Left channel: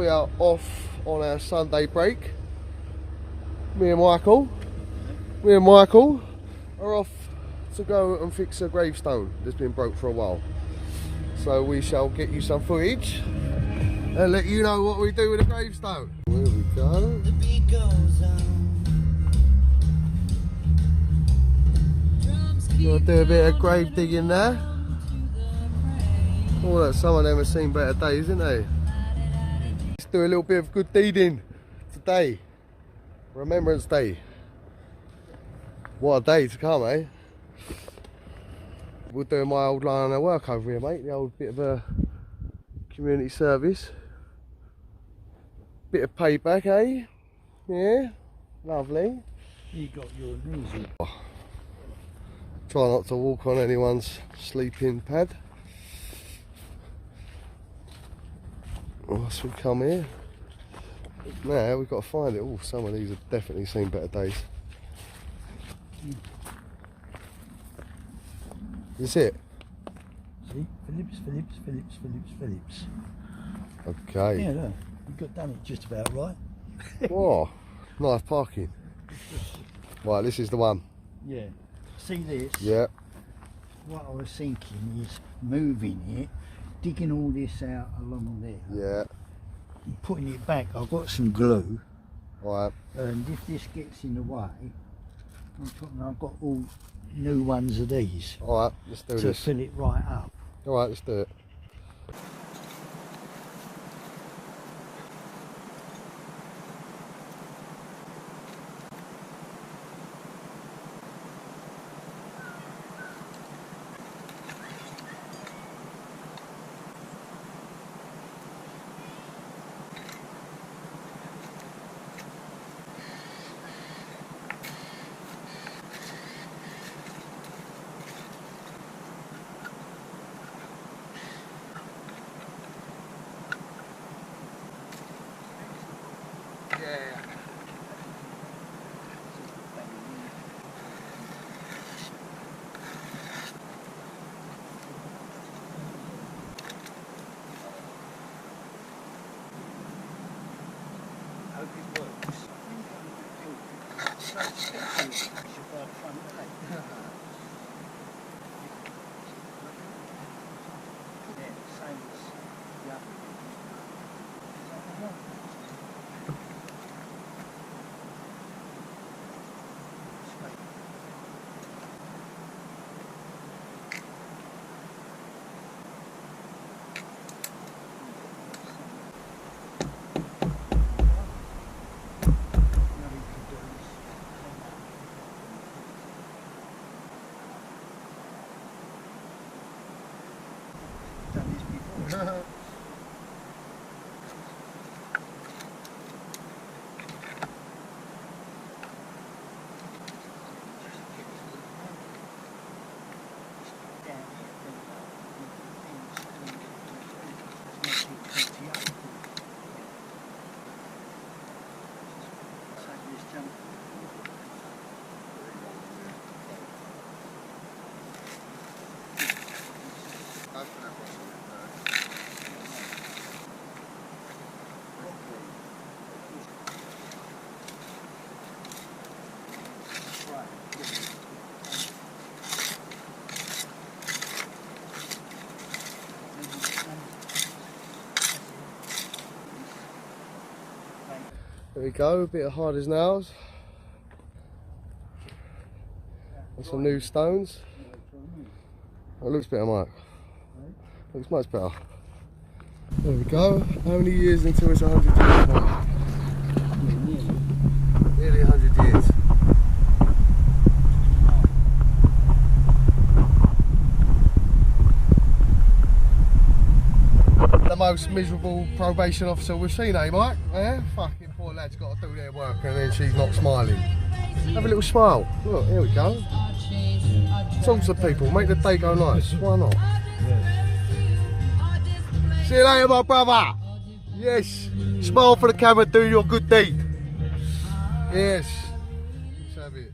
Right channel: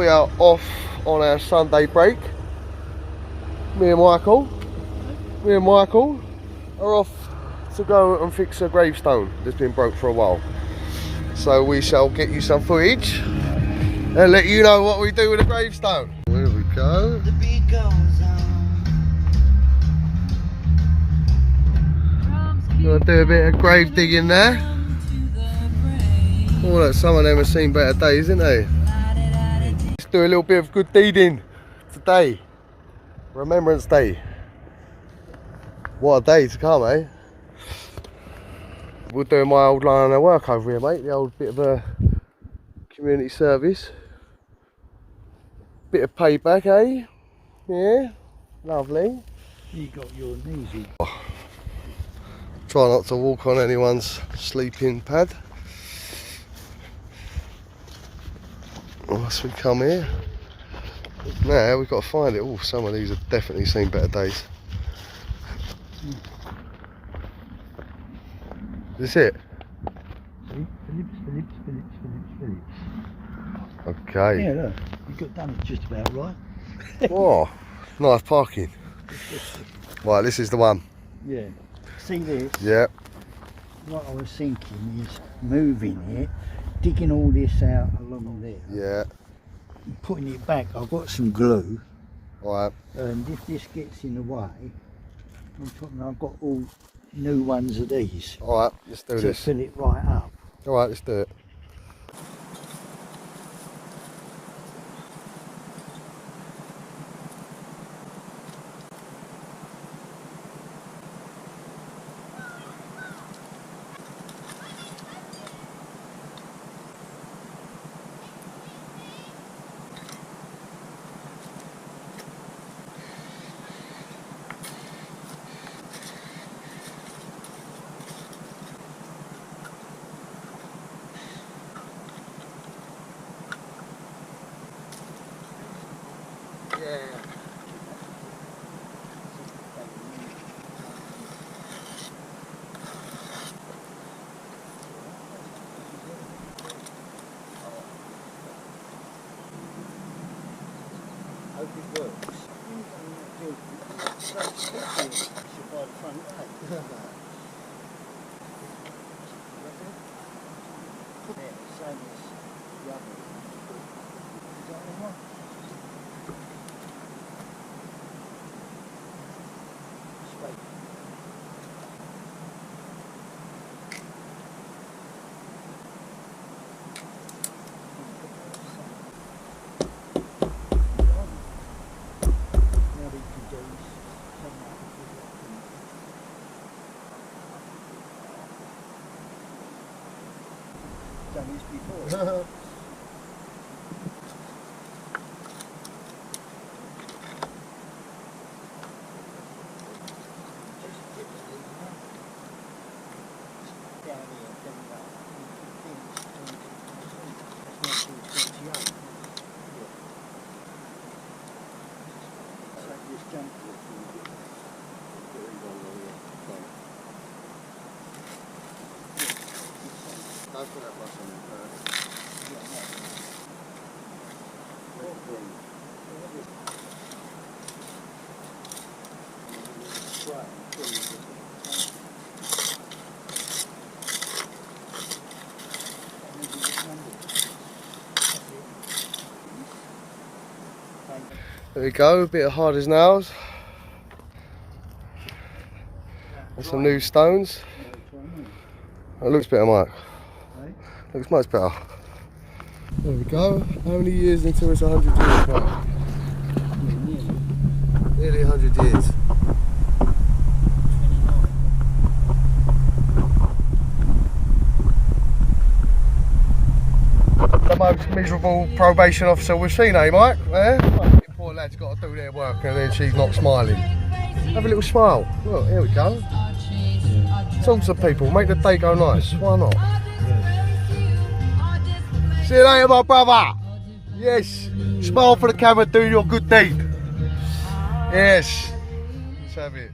we are off on our Sunday break. Me and Michael are off to go and fix a gravestone that's been broke for a while. So we shall get you some footage and let you know what we do with the gravestone. There we go. The beat goes on. Gonna do a bit of grave digging there. Oh, look, some of them have seen better days, haven't they? Let's do a little bit of good deeding today. Remembrance Day. What a day to come, eh? We'll do my old line of work over here, mate. The old bit of a community service. Bit of payback, eh? Yeah, lovely. You got your knees in. Try not to walk on anyone's sleeping pad. Once we come here, now we've got to find it. Oh, some of these have definitely seen better days. Is this it? See? Phillips. Okay. Yeah, look, you got done it just about right. Oh, nice parking. Right, this is the one. Yeah. See this? Yeah. What I was thinking is moving it, digging all this out along there. Yeah. And putting it back. I've got some glue. Alright. And if this gets in the way, I've got all new ones of these. Alright, let's do this. To fill it right up. Alright, let's do it. Yeah. Hope it works. When you go on that blueprint, it's supposed to fit you. You should buy the front gate. Yeah, the same as the other ones, but is that what you want? Straight. Done this before. Don't put that brush on there first. Yeah, no. Let it breathe. Spray and fill it with There we go, a bit of hard as nails. And some new stones. It looks better, Mike. Looks much better. There we go. How many years until it's 100 years, Mike? Nearly 100 years. 29. The most miserable probation officer we've seen, eh, Mike? Eh? Fucking poor lad's got to do their work and then she's not smiling. Have a little smile. Look, here we go. Talk to people, make the day go nice. Why not? See you later, my brother. Yes. Smile for the camera, do your good deed. Yes. Let's have it.